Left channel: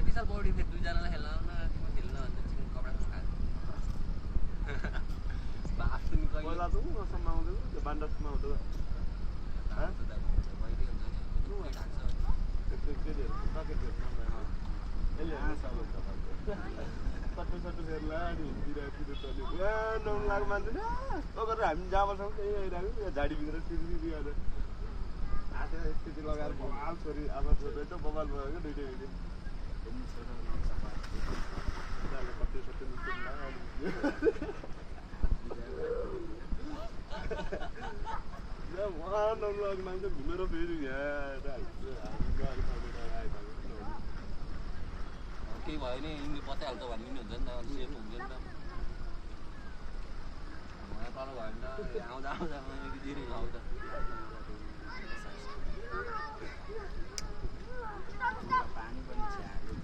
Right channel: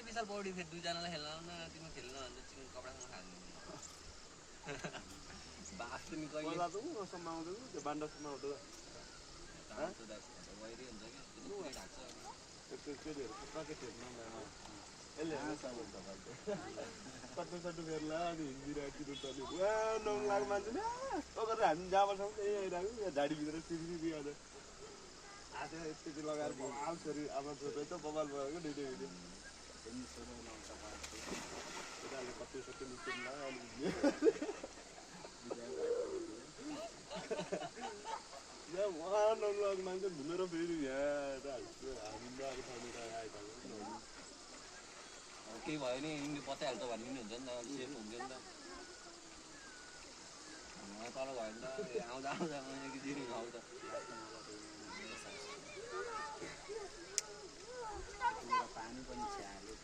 चाहिँ विशाल पौडी फेरि दुईजनालाई खेल्न न तिम्रो खेल्न भन्छ चिकन कपडासँग खाएको बाफ पनि पहिला त उ समाउँदै त्यो बान्डसमा हुँदो वैरी हुन्छ कि केटीहरू सकेटहरू नभए यसले सट्टु सट्टु फेर्ला अनि हिँडिरहेको तले नौन लाख मान्छे न अगर हामी जाबरसम्म त्यही आइरहेको झाडीभित्र सिरी गरेर आधा स्थिति लगाएर बबाल छोरी आमा छोरी त बबाल भएको दुइटै भिडियो कति सट्टु निस्किँदा नौन लाख मान्छे घुमेर फेरि यहाँ केही भयो नि यिनीले बचाइहाल्छ भन्ने पनि हुन्छ नि त सेफ हुन्छ नि त तल भयो नि त आउँदा आउँदा एकदिन आउँछ पानी पनि छ्याल्यो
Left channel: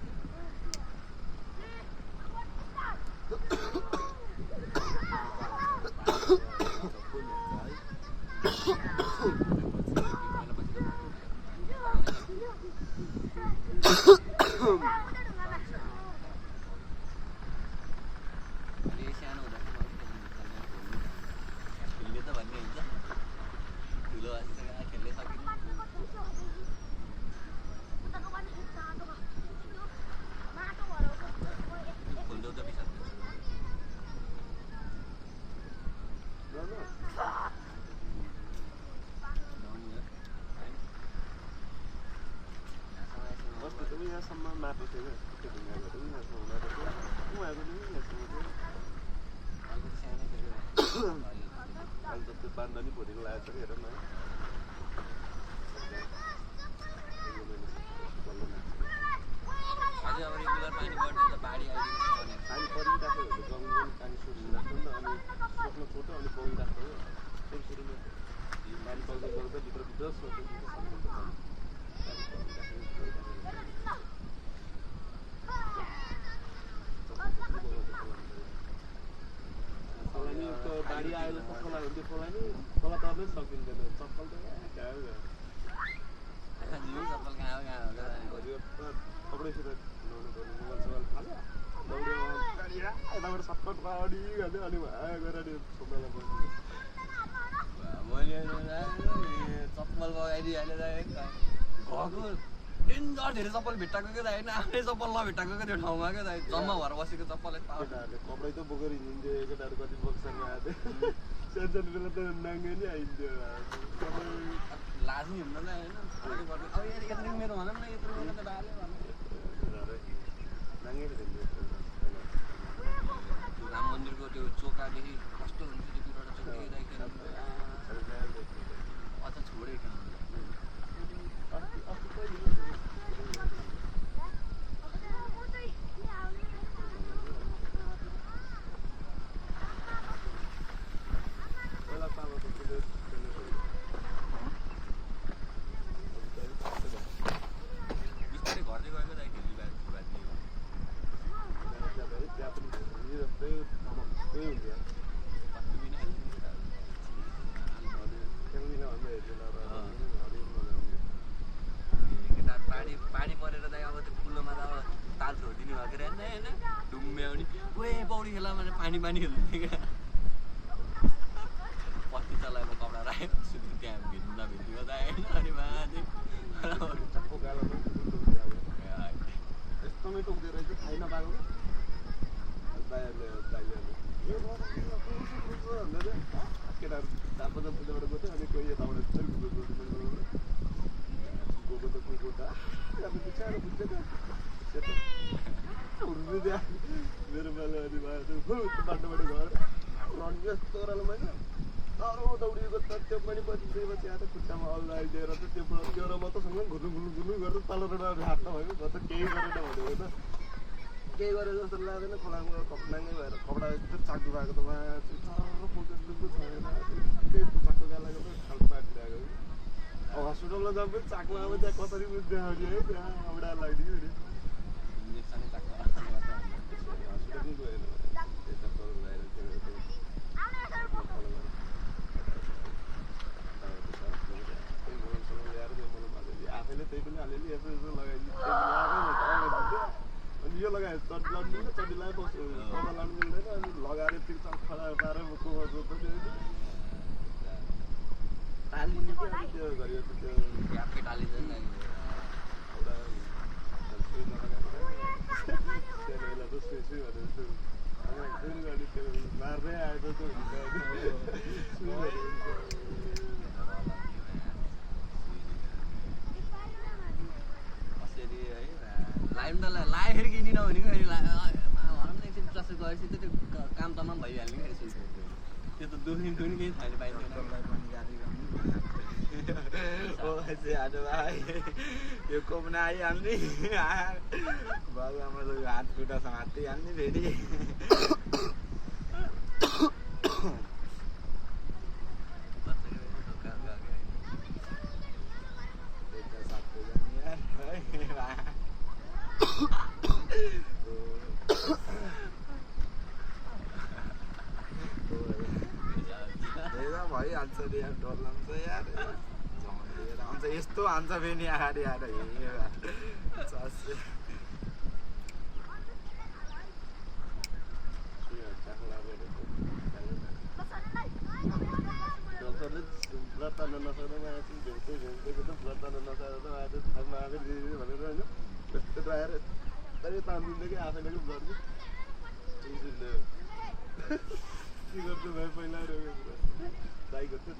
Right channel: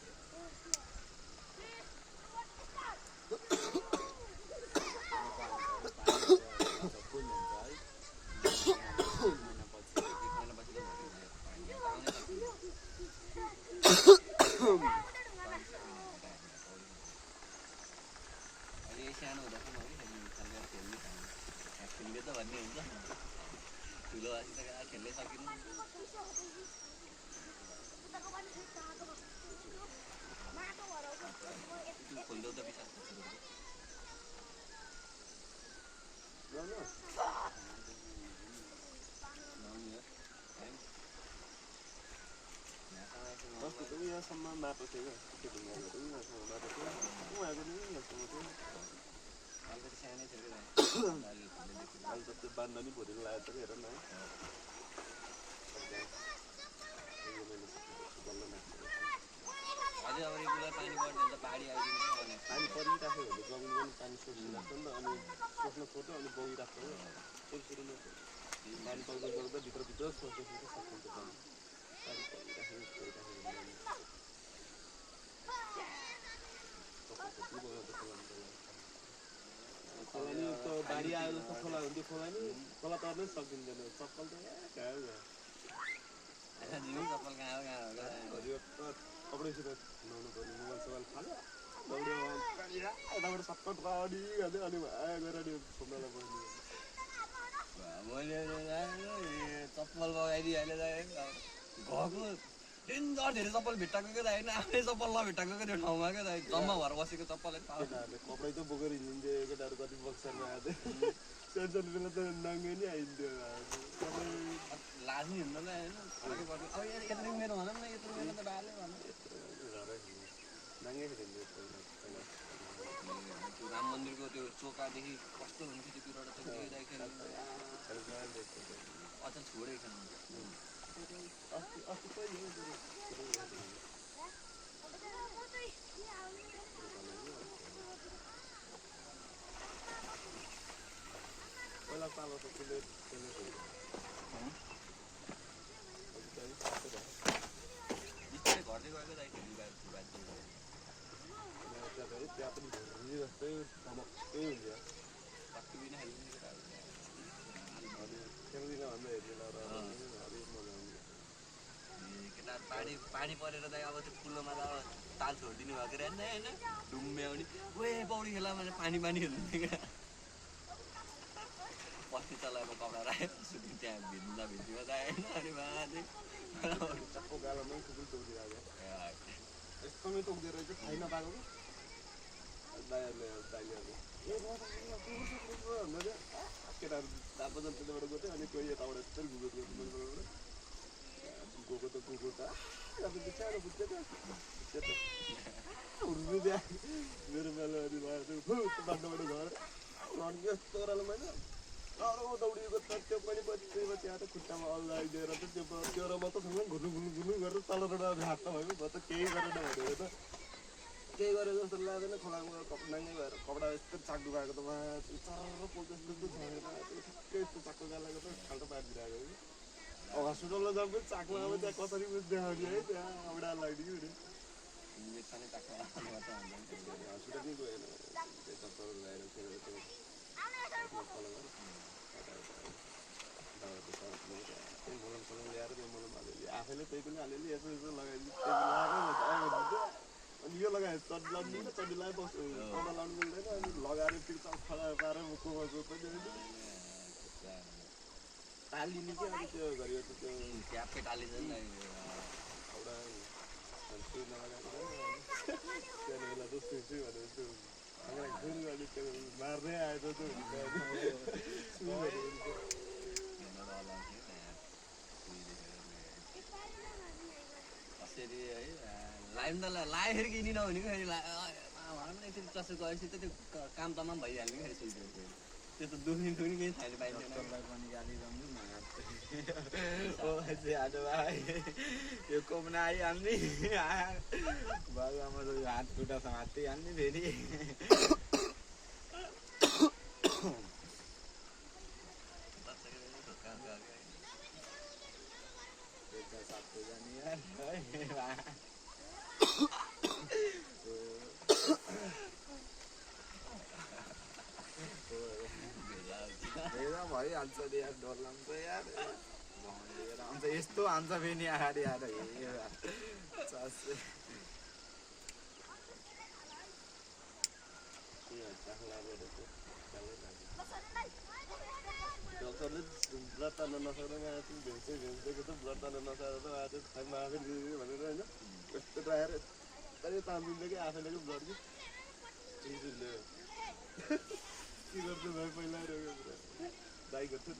सम्म माटो थियो त्यो ढुङ्गाको पनि माटो माटो थियो उहाँको नि सानै थियो अहिले त त्यो बान्दा नि भोलिको लागेको छ कि हेर न अझै अब रेगुलर पानी पर्छ त बाढी आइदिन्छ भने पानी परिरहेको हो जमिन पानी सोचिरहेको नि त अनि सोच्न छोटो अनि बगिरहेको हो सुरुमा पानी पाउँदा गर्दा भित्रभित्र खोलानी त बाढी आयो जस्तो खोला हुन्थ्यो खोलानी खोला तर्नै सकिँदैन चप्पल त कहाँ चप्पल कहाँ हरियो कपडैसित नुहाउनु पर्ने मोबाइल सोबाइल फाल्यो दौड्यो यताबाट सटकट बाढी गर्दै अनि गएर अनि छोप्नलाई पर्ने मैले चप्पल बगाइदिइहालेर घरको डेन्जर धेरै चप्पल भेट्टाएको क्या त होइन आफ्नै चप्पल नभेट्टाएको क्या त्यो ठाउँमा क्या त जम्मा भएर बसेको चप्पलै केटाहरूले कपडै त बोकेर हिँड्थ्यो केटाहरू कति बक्सरमा आएको थियो सानो बेला त नाङ्गे नै आइन्थ्यो लाज नि हुँदैन होइन अब यत्रो मेरो भनौँ न यत्रो मेरो त डाले भनौँ नाङ्गे खेल्थ्यो राम मन्दिरको त्यो चोकादेखि कस्तो हुन्छ त्यो पिरियड अझ छोडेको पहिला पालो त बिस्तारै घट्दै गएको दाइ त्यहाँ पनि जस्तै त्यही हुन्छ खेल्दिनँ भन्दा हेर्दैन पानी परेर दाइ अब त्यो फुलोमा त अब ताल छोडिदिनु भएको रहेछ होइन डुम्ब्यो भने ओए पौडी खेला भने पानी खेल्नु क्या पत्ती चलाएको कपडा राखेको त्यहाँ भित्तीमा त होइन अनि माथि चप्पो गालामा यस्तोमै टोक्दो रहेछ थाहै नपाएको केटाहरू तापो जम्तीबाट गएको थियो अनि कोही यताबाट गएको त कुकुर त सानो बुझ्दैन मेरो बेला अनि बाटोबाट घर यस्तो ओह्रालो मैले डह्रो दौडिएको त त्यो पनि पछि त्यहाँ त खुट्टामा अल्ला आइदिएर त त्यो रमातासँग घुर्नु गरेर तल रोडमा हात्न भयो म त केही गरेन भनेको त केही गरे जस्तो लाग्दैन खोलामा नाङ्गै भएर कपडा यस्तो चाक्दु भएको त माथि साह्रो फोकस दुःख छैन केही चाक्को गालाको त खाल्टो पारिदिरहेको कि हस्पिटलमा जाऊँ पनि चाक्मा अब त्यहाँ कसरी देखाउने है त्यहाँ औडा लाग्यो कि हस्पिटल पनि गएन यता तल गएर मलम ल्याएर त्यो मलम हालेर आफैले त्यही पनि अलिअलि यसो लगाइदिन्छ चड्डी लाउनु मिल्दैन चड्डी लगाए बस्नु पौडा लाउनु मिल्दैन अनि लगाएर पिक्छ खडा पारेर मुखमा जोत्दै टालिने के अनि त्यो गरियो त्यो ट्यापकै टालिन्छ नि एउटा सुई नलगाएर त्यहाँ बेला त सुई सुई भनेर त्यो सुई गर्ने त्यो मार्दै आएको त्यो हुन्छ कसरी है लाइम त लाएर किनिन भने फेरि भनौँ न एकछिन जस्तो गएपछि त्यो काम तमाम भइहाल्ने क्या त्यो त दुख्ने केही थाहा पाइँदैन यो कोपना आइहाल्ने बाबुआमा हात खुट्टा समातिहाल्ने फेरि भइहाल्छ रे यार डर लाग्छ यार आउँछ यस्तो हान्छ फेरि आएर आएर डक्टरले ब्लड तान्न नसक्दा भेट्दैको त ब्लड तान्न नसक्दा आज आफै भनेर होइन यस्तो आएर यस्तै तानिदिन्छ कि आफैले कि ब्लड के गर्छु भाइ पहिला दाइ गर्छु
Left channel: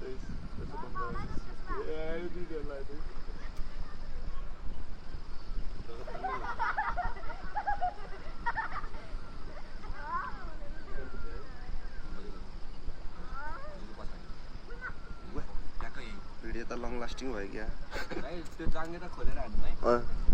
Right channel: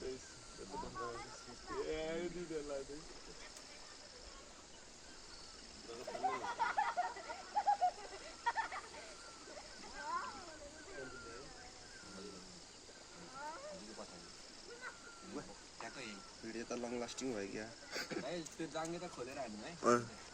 भिडियो त लङ लास्टिङ भयो क्या त्यो जाङ्गे त खोलेर हाल्नु है